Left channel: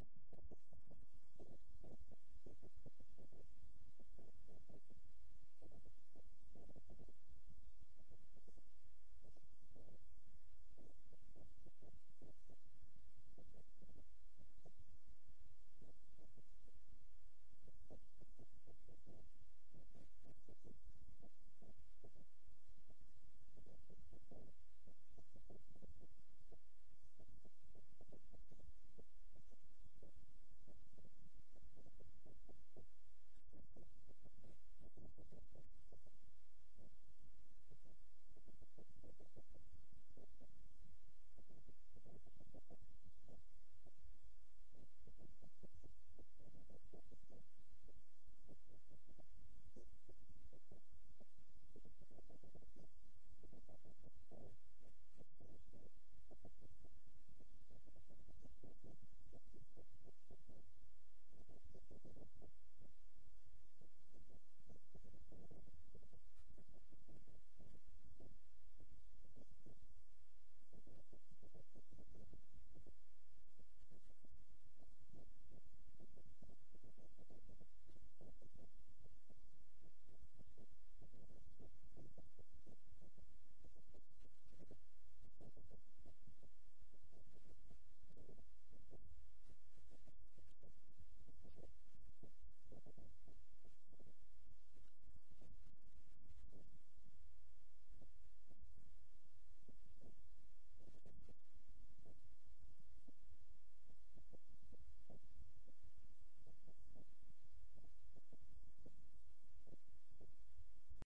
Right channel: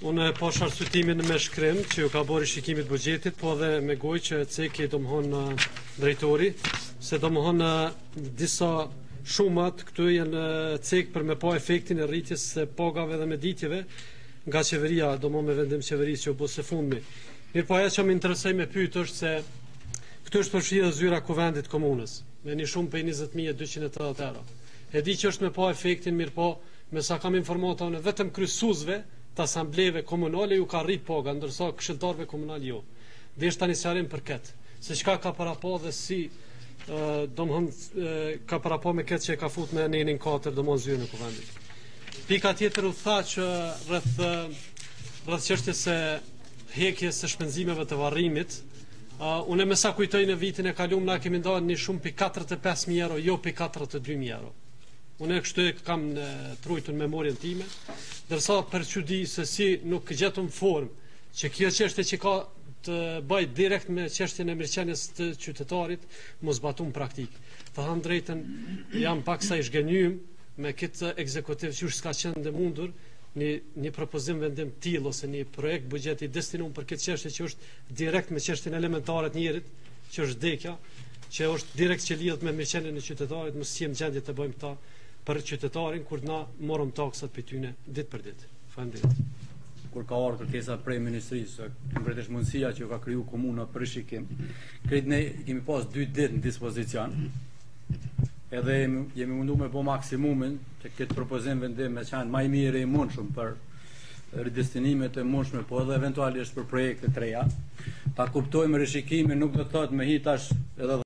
Unë e pash arsutimin me shkrim që ju ka bërë shikimit buxhetit, po edhe me gojë që ceki domthon drejtori, se domthon disa shumat këtu janë cek për me pa efektin e rritjes së pagave dhe meditjeve nga qeveria, domthon me vendim qeverisë që u bë së fundmi. Mirë, po ajo që më interesoj me pyet është se këtu është përfshirë zyra kuvendit komunës me një shumë për 20.280 euro. E di që është me pa efektin, mirë po, me sa kam informata unë, vetëm kryesuesve të asambleve komunale ju ka rrit paga, ndërsa këshilltarëve komunal jo. Dhe është tani sqarim për këtë, se çka ka para pa dhe si domthon ka para pa me këtë që e ka fut me nenin 4 domthon zyrën e kuvendit. Pika tjetër u tha që rreth çështjes së hekjes së shpenzimeve të varrimit, unë me sa kujtoj në vitin e kaluar na kemi ndarë një shumë pi 45.000 euro, jo pi 42.000 euro. Unë e kështu e kam në trujtën memorien time, dërsa për që di se si nuk gjetëm formë që kjo çështje që ka të bëj direkt me çështjen e mirëqenies të qytetarit mos batum praktik. Të thënë drejtën, jam pak sa i zhgënjym me këtë ekzekutiv që s'ka qenë dhe mundur një propozim vendim tillë ose një projekt buxheti destinuar për këtë çështje që është direkt me çështjen elementare të njerit, që është vdekja, që është direkt që lidhet me mirëqenien e qytetarit, mos jemi gjendje të bëjmë këta për qytetarin kur na morëm taksat për tyne ditë për ditë. Faleminderit. Kur ka ardhur kërkesa prej ministrisë, konkretisht mundësia që ka kriju komuna për shikim, krejt ne kemi pas 2 ditë në dispozicion, edhe jemi mundu me bo maksimumin që këtë propozim vendim me qenë maj mirë i mundshëm për ridestinimet e mundshme, po edhe eventualisht për projekte të reja. Ta kuptojmë rishikimin nuk do të thotë me hitash edhe